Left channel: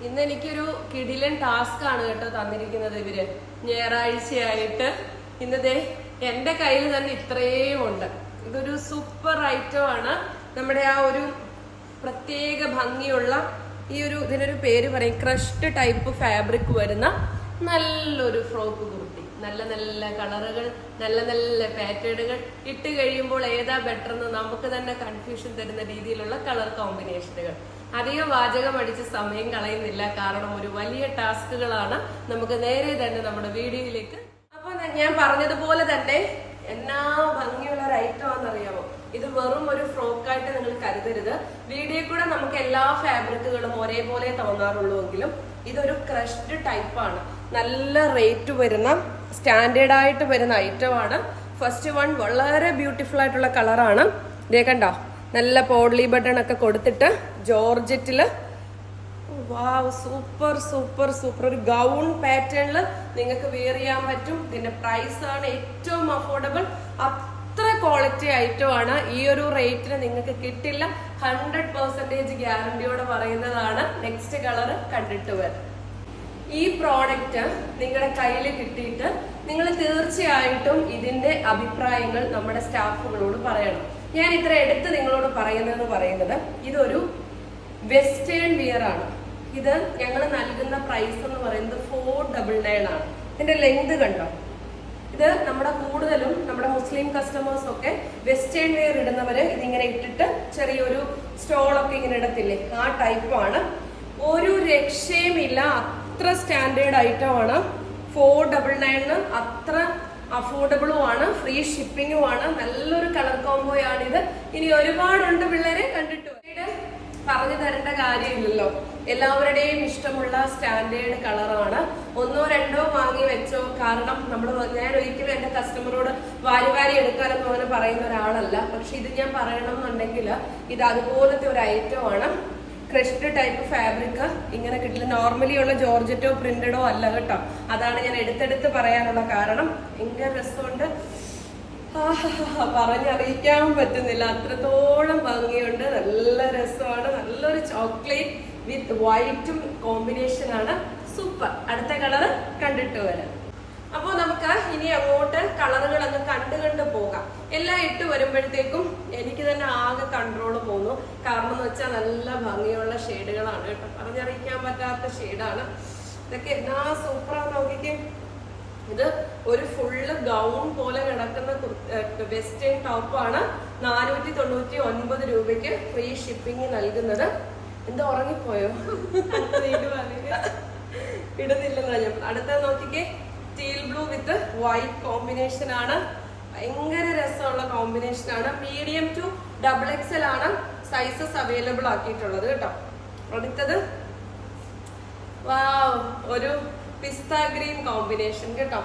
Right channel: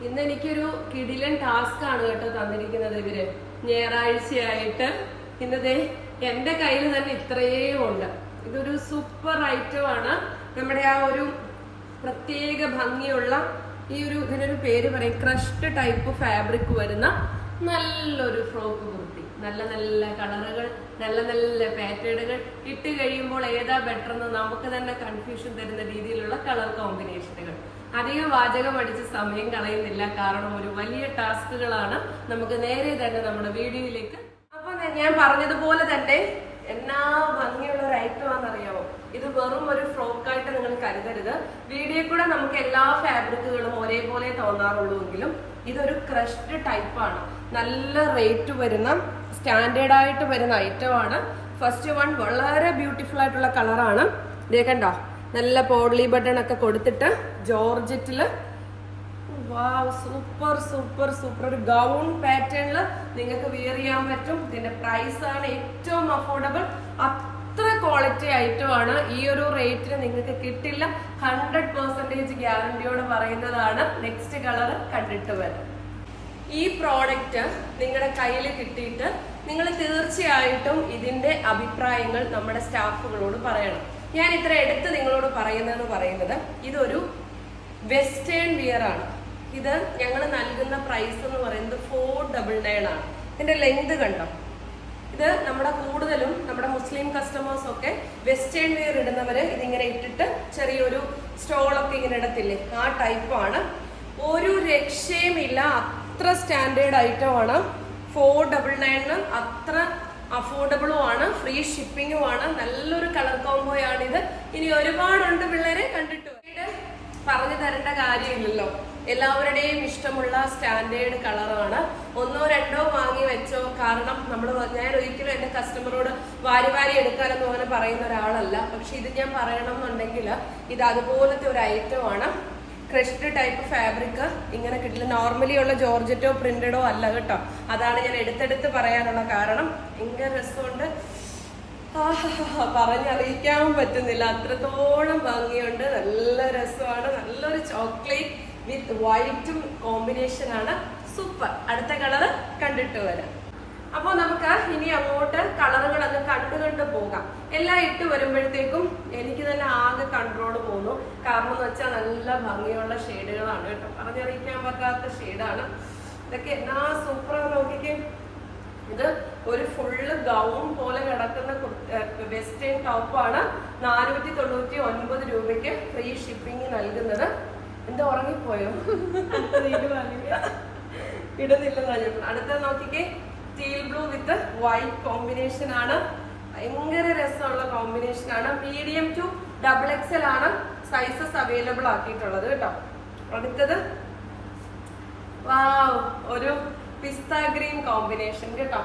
ഇന്ന് എനിക്കൊരു കിടിലൻ ടാസ്ക് ആണ് കേട്ടോ തന്നിരിക്കുന്നത് ഇവർ. ഞായറാഴ്ചയായിട്ട്. ഇന്നതേ എന്റെ കയ്യിൽ തന്നെ ഇത്രയും ഉണ്ട്. ഇതൊരു സൂപ്പർ ഐറ്റം ആണ്. നമ്മുടെ ആ ഒരു പ്രത്യേക ഭംഗിയുള്ള ഈ ഒരു ഇതിനൊരു പേര് പറയും. ക്രഷ്ഡ് ടൈപ്പ് ഫാബ്രിക് വരുന്ന നല്ലൊരു ഫ്രോക്ക് കുർത്തി. നല്ല നല്ല കളറുകൾ നല്ല നല്ല പാറ്റേണുകൾ ഇട്ട് കഴിയുമ്പോൾ ഏതാ ബെറ്റർ എന്ന് നമുക്ക് തന്നെ കൺഫ്യൂഷൻ തരുന്ന രീതിയിലുള്ള കളർ കോമ്പിനേഷനുകൾ അധികം വാചകം അടിച്ച് സമയം കളയുന്നില്ല. കാരണം ഒരു വലിയ ടാസ്കുകളാണ് നമുക്ക് നേരെ തന്നെ നമ്മുടെ വീഡിയോയിലേക്ക്. അപ്പൊ ഞാൻ പറഞ്ഞതുപോലെ തന്നെ എന്നാ ഭംഗിയുള്ള ഒരു ഐറ്റം ആണെന്നറിയാമോ? ഇത് വെറും ഒരു ഫ്രോക്കായിട്ട് നിങ്ങൾ കരുതരുത്. വീഡിയോ കൂടെ നമുക്ക് എല്ലാ ഫാബ്രിക്കുകളും ഒരേപോലെ തോന്നാറുള്ളൂ എങ്കിലും ഇതൊരു ക്രഷ്ഡ് ടൈപ്പാണ് നല്ല റേറ്റ് വരുന്ന സ്റ്റാൻഡേർഡ് ആയിട്ട് വരുന്ന ഐറ്റം ആണ് ഫസ്റ്റ് വൺ വളരെ ബ്യൂട്ടിഫുൾ ആയിട്ടുള്ള കളറാണ്. ഇതേ കണ്ടോ? നല്ല പോഡ്ലി ബട്ടൺ ഒക്കെ കൊടുത്തിട്ട് ജോർജറ്റിൽ വാവ് സൂപ്പർ സൂപ്പർ സൂപ്പർ. ഒരു ഗൗൺ പാറ്റേണിൽ നിങ്ങൾക്ക് വിയർ ചെയ്യാൻ പറ്റും. ഇതിന്റെ പ്രൈസ് ആണ് ഏറ്റവും അഫോർഡബിൾ അത്ര ക്വാളിറ്റി ഐറ്റം ആണ്. ഈ ഒരു റേറ്റിന് നിങ്ങൾക്ക് കിട്ടില്ല. ഹൺഡ്രഡ് പെർസെന്റേജ് ഗ്യാരണ്ടിയോടെ പറയുന്നതാണ്. നെക്സ്റ്റ് കളർ കണ്ടിട്ട് വരും. ഈ പ്രോഡക്റ്റ് നിങ്ങളുടെ കയ്യിൽ കിട്ടിയിട്ട് നിങ്ങൾ തീർച്ചയായിട്ടും ഇതിന്റെ അഭിപ്രായങ്ങൾ നമ്മുടെ സ്റ്റാഫുകളോട് പറയണം. ഞാൻ ഇത്ര എടുത്ത് നിങ്ങളോട് പറയുന്നതെന്ന് പറയുന്നത് ഇതൊരു വെസ്റ്റേൺ വിയർ ആണ്. ഇത് ഞങ്ങൾ നൽകുന്ന പ്രൈസ് എന്ന് പറയുന്നത് ഫോർ ഡബിൾ നയൻ ആണ്. ഇതിന്റെ ലെങ്ത് കണ്ടോ? ഇത് നമ്മുടെ കൂടുതലും നമ്മുടെ മുസ്ലിം കസ്റ്റമേഴ്സ് ഒക്കെ വെസ്റ്റേൺ വെയർ ഇടുന്നവര് ഇതിങ്ങനെ ഇട്ടിട്ട് ചെറിയൊരു സ്റ്റോളൊക്കെ ഇങ്ങനെ ഇടത്തില്ലേ? ആ ടൈപ്പാണ് ഒരു രക്ഷയുമില്ല അത്ര സ്റ്റാൻഡേർഡ് ഐറ്റം ആണ്. ഫോർ ഡബിൾ നയനിന് അത്ര അഫോർഡബിളും ആണ്. ഫ്രീ ഷിപ്പിംഗും ആണ്. നല്ലൊരു കളർ കോംബോയാണ് ഇത്. ഇനി ഒരുപാടുണ്ട് പിള്ളേരെ കണ്ടിട്ട്. പറഞ്ഞു തരേണ്ട കാര്യമില്ലല്ലോ. എല്ലാവരുടെയും ഇഷ്ടമുള്ള സ്റ്റാൻഡേർഡ് കളറാണ് ഒന്നോ രണ്ടോ വാങ്ങി വെച്ചോ. കാരണം നമ്മൾ ഞാൻ ഒരിക്കലും എന്റെ കസ്റ്റമറോട് വാരി വാരി എടുക്കാനൊന്നും അങ്ങനെ പറയുന്ന ഒരാളല്ല. പക്ഷെ ഇത് ഞാൻ പറയണമെന്നുണ്ടെങ്കിൽ ഇത് അതുപോലത്തെ ഒരു ഐറ്റം ആണ്. ക്രഷ്ഡ് ടൈപ്പ് ഫാബ്രിക് ഇങ്ങനെ കിട്ടില്ല. നോർമലി ഉള്ള ജോർജറ്റോ പ്രിന്റഡോ അല്ല കേട്ടോ. അതാണ് ഞാൻ എടുത്തെടുത്ത് പറയാനുള്ള കാരണം. ഭയങ്കര രസമുണ്ട്. പറഞ്ഞറിയിക്കാൻ പറ്റുന്നില്ല. അത്രത്തോളം ഭംഗിയുണ്ട്. നല്ല രസമാണ്. നല്ലൊരു ചോക്ലേറ്റ് വിത്ത് വൈറ്റും കോമ്പിനേഷൻ ആണ്. സൂപ്പർ അടുത്ത കളർ കണ്ടിട്ട് വരാം. അപ്പോൾ നമുക്ക് ഇനി അങ്ങോട്ട് കളറുകളൊക്കെ കണ്ടു കണ്ടു പോകാം. എല്ലാം ഇട്ട് വരുമ്പോഴത്തേക്കും എനിക്ക് തന്നെ കൺട്രോൾ പോന്നു കാരണം എന്ന് വെച്ചാൽ നല്ല ഭംഗിയുള്ള ഷെയ്ഡുകളാണ് കേട്ടോ. പറഞ്ഞറിയിക്കാൻ പറ്റാത്ത ഷെയ്ഡാണ് ഇതൊക്കെ എന്നാ സൂപ്പറാണ് നോക്കിക്കേ. ഇത് ഒരു ഫുള്ള് ഗൗൺ പോലെ കിടക്കുന്ന വെസ്റ്റേൺ ടോപ്പാണ് നാനൂറ്റി തൊണ്ണൂറ്റി ഒൻപത് രൂപയ്ക്ക് ഫ്രീ ഷിപ്പിംഗ് നൽകുന്നത്. എന്താ ഉറങ്ങിപ്പോയോ? ഇടുന്നില്ലെന്നാ ഞാൻ അടുത്ത നോക്കിക്കേ. Steel blue with white combination ആണ്. ഭയങ്കര രസമുള്ള കോമ്പിനേഷൻ ആണ്. Medium to double X L ആണ് സൈസസ് അവൈലബിൾ ആക്കിയിട്ടുള്ളത് കേട്ടോ. അടുത്തത് വാവ് ഒരു പിസ്ത ഗ്രീൻ കോമ്പിനേഷൻ കേട്ടോ.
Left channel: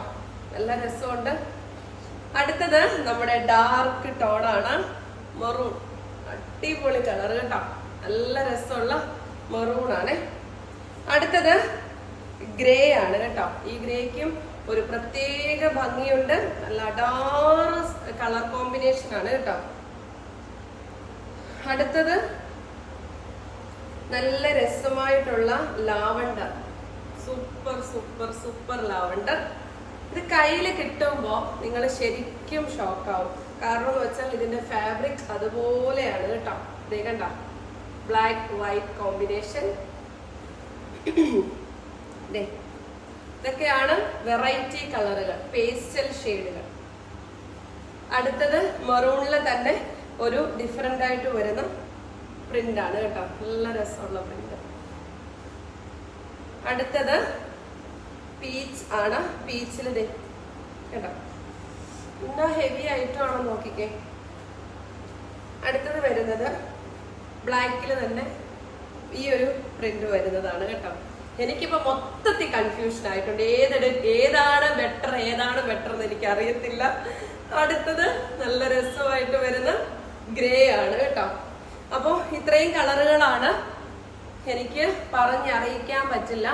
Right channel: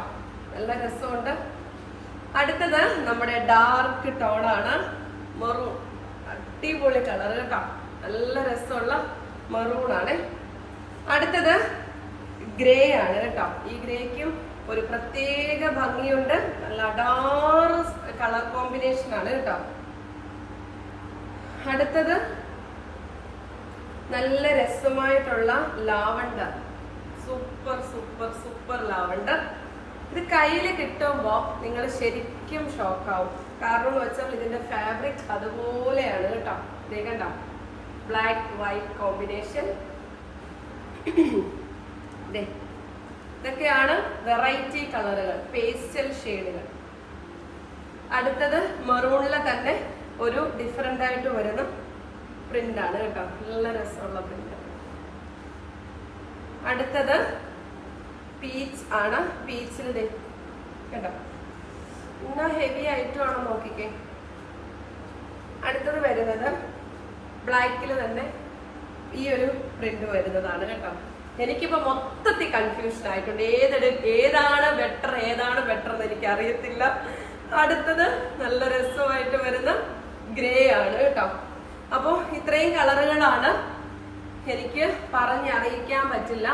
നല്ല രസമുണ്ട്. അടുത്തത് നമ്മുടെ ഡാർക്ക് ടോണാണ് മെറൂൺ അടിപൊളി കളർ കേട്ടോ. നല്ല രസമുള്ള മെറൂൺ ആണ്. അടുത്തത് ഗ്രേ ആണ് കേട്ടോ. ഈ ഗ്രേക്കും ഒരു പ്രത്യേക ഭംഗിയുണ്ട്. നല്ല അടാറ് കളർ കോമ്പിനേഷൻ ആണ് കേട്ടോ. അടുത്തത് നല്ല രസമായിട്ടുള്ള lavender. Super super super lavender. ഇത് കയ്യിൽ കിട്ടുമ്പോൾ നിങ്ങൾ ശരിക്കും ഷോക്കാവും. കാരണം എന്ന് വെച്ചാൽ ഇതിന്റെ ഫാബ്രിക് അതുപോലെയാണ് കേട്ടോ. ഇതേ കണ്ടോ? ബ്ലാക്ക് വൈറ്റ് കോമ്പിനേഷൻ ഇതൊക്കെയാണ് വെറൈറ്റി കളറുകൾ പേസ്റ്റൽ ഷെയ്ഡുകൾ അടുത്തത് മെറൂണിലെ തന്നെ ഒരു ഡിഫറെന്റ് ആയിട്ട് വരുന്ന പ്രിന്റ് ആണ് കേട്ടോ. നല്ല രസമുള്ള പ്രിന്റ് അടുത്തത് പീച്ച് ആണ്. പീച്ചിൽ ദേ കേട്ടോ. എന്നാ ഹെവി ആയിട്ടുമാണ് നോക്കിക്കേ. അടുത്തത് വരുന്നത് ബ്ലാക്കിൽ തന്നെ ഈ ഒരു പ്രിന്റ് വരുന്നതാണ് കേട്ടോ. എനിക്കിപ്പോ മൊത്തത്തിൽ കൺഫ്യൂഷൻ ആയിട്ടുണ്ട്. ഏതെടു ഏതാണ് ബെറ്റർ ഏതാണ് ബെറ്റർ എന്ന് എനിക്ക് അറിയത്തില്ല അടുത്തത് നല്ല രസമായിട്ട് വരുന്ന ഗ്രേ ആണ് കേട്ടോ. അപ്പോൾ ഇത്രയും കളറുകളാണ് എനിക്ക് പറഞ്ഞറിയിക്കാൻ പറ്റില്ല.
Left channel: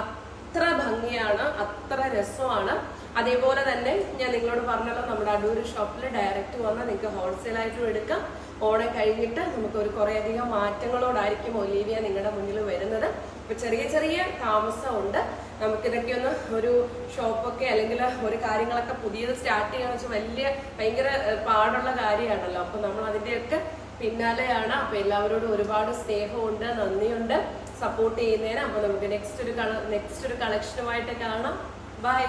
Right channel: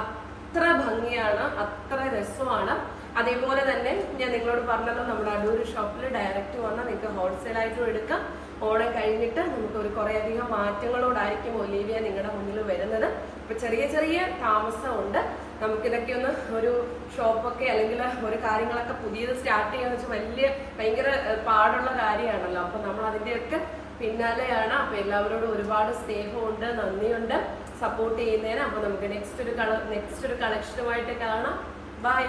അത്ര ഭംഗിയാണ് അത്ര രസമാണ്. അതേപോലെ തന്നെ ഞാൻ നിങ്ങളോട് പറഞ്ഞല്ലോ നമ്മുടെ അടൂർ ഷോപ്പിൽ ഡയറക്റ്റ് വന്നാൽ നിങ്ങൾക്ക് ഹോൾസെയിൽ ആയിട്ടും എടുക്കാം. ഓണം കഴിഞ്ഞിട്ട് നമുക്ക് ഒരു കുറേയധികം മാറ്റങ്ങളോടായിരിക്കും ഒലീവിയ നിങ്ങളുടെ മുന്നിൽ വരുന്നത്? ഇപ്പൊ ചെറിയ ചെറിയ താമസമുണ്ട്. നമുക്കിതൊക്കെ ഒന്ന് ഒരു ഷോപ്പൊക്കെ അല്ലെങ്കിൽ ഒരു കാര്യങ്ങളൊക്കെ പുതിയത് സ്റ്റാർട്ട് ചെയ്യാന്ന് വെച്ചാൽ വലിയ ഭയങ്കര പാടുള്ള കാര്യമാണല്ലോ. അപ്പൊ നമ്മൾ അതിന്റെയൊക്കെ പിന്നാലെയാണ്. അപ്പൊ എല്ലാവരോടും ഒരുപാട് സ്നേഹമുണ്ട് നന്ദിയുണ്ട് സപ്പോർട്ട് ചെയ്യുന്നതിന്. അപ്പൊ നമുക്ക് നെക്സ്റ്റ് ഒരു കള നെക്സ്റ്റ് ഒരു കളക്ഷനുമായിട്ട് കാണാം. ബൈ